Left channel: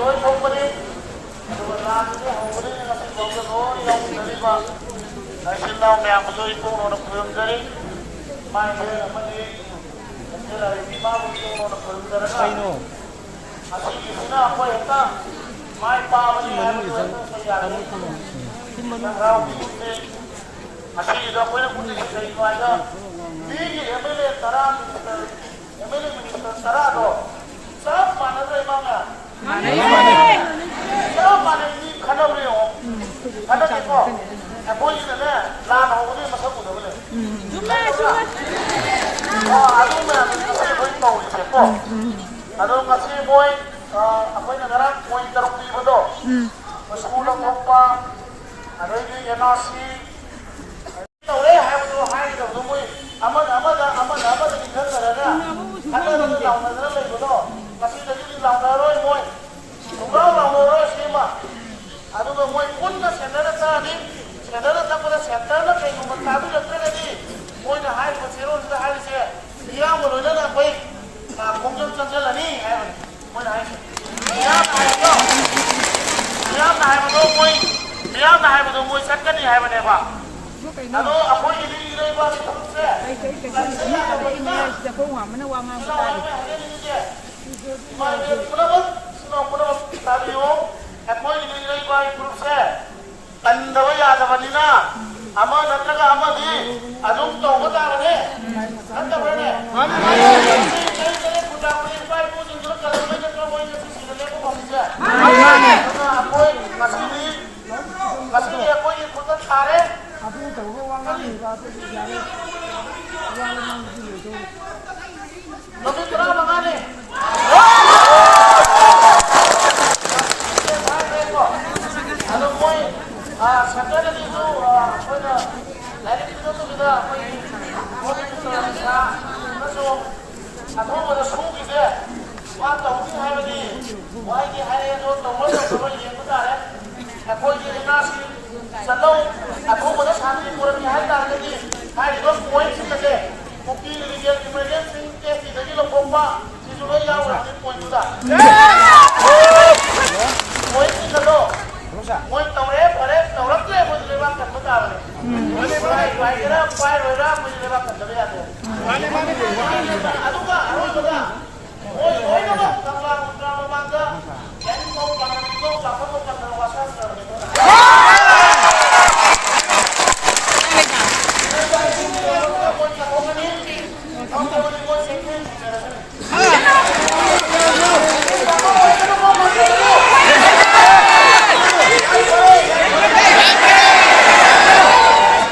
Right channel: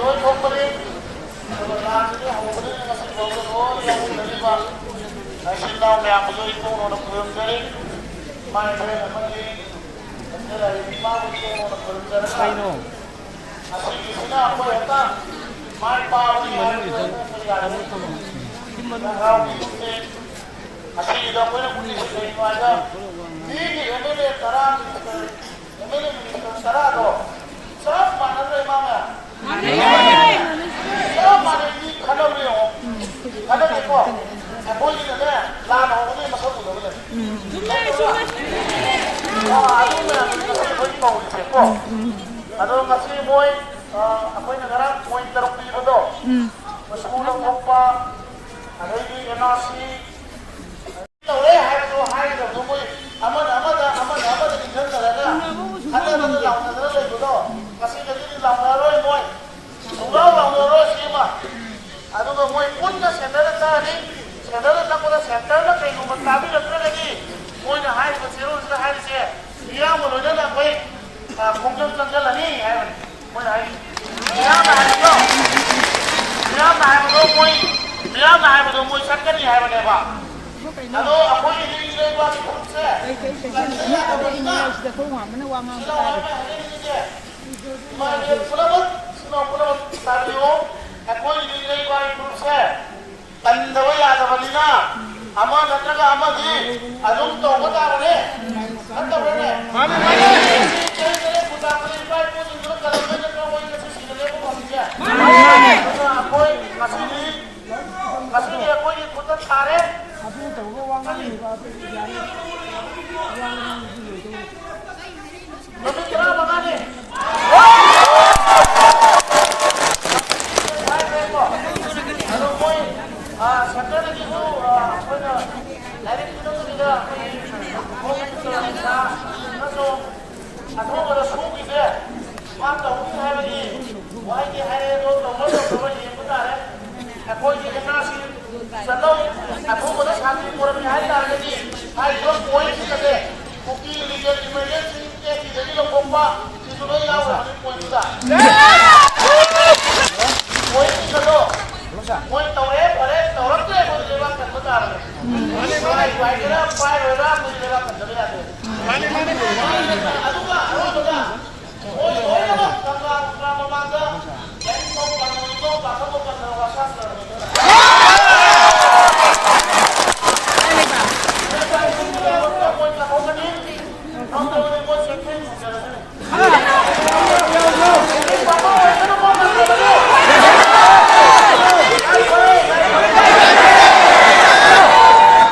lối không bên đi rồi ra cái hậu bên đi là xin vào cái đó đi ông đi đi vào này xin đâu mẹ một đôi cô nó phượng đấy mai đây là bên đi thế là đi ba cô nó phượng đấy đó así que si no pues está mai ba bên đi hai bên đó phải ra đấy đang rau así đó mới là cũng đi xây ngoài đó đi thì em mới lên tara em mới lên mình tara đó sao mà nó đây mà mẹ sao mà đây đi khăn đâu đi hả khăn đâu đi co em bôi gì nữa là nó có đi mà sao cũng được vậy aduh mẹ mình sẽ bôi màu gì co aduh ngasih bôi apa ini negara poin terumpi betul sekolah apa ada ini nasi tahu deh hai betul hai betul tuh mui aman di sana ada ada lawan lagi betul kasih dari lawan lagi mui udah lawan sih mah aduh mui pun dah sender tak boleh sender nak kayak rumah tabi lagi mui dah hai betul dah hai sih dia mau mana nak baik mungkin sender lagi hai betul mui sakit ni hai mana pak Ano ako ini ba si Pulse? Sudah keluar mana wang tadi? Mai pula tabi yo. Ako ini ba si Pulse? Tandawa ya da banina. Ama natraga ama di. Adum to ko ta bane. Anta bane. Ni kai kare puta ko ba ko ni dur ka lo ja ko ni si le ko pamja. Ako masih ako ini puta thare. Api tahu ko wang ni ba api jari wang ni tu. Lebih cerah mangane. Ano boy, sekarang lagi tu, apa na, lagi tu tu kita, apa ini, boy itu lagi sah, masuk, atau ada suku kita, wah tahu ni hai lagi, wah ini hai tu tahu masuk tahu ini kita ada, apa ini nasi, selalu, atau ada satu orang ni hai dah lagi, hai tu boy kita ke. Mungkin legal emergency case itu jadi lomba itu loh ya orang ini poin sudah. Poin ini kalau, poin tahu tu boleh lewatkan betul apa ni? Baik kira, baik orang boleh lewatkan jadi ada. Aduh apa? Poin apa? Tanggal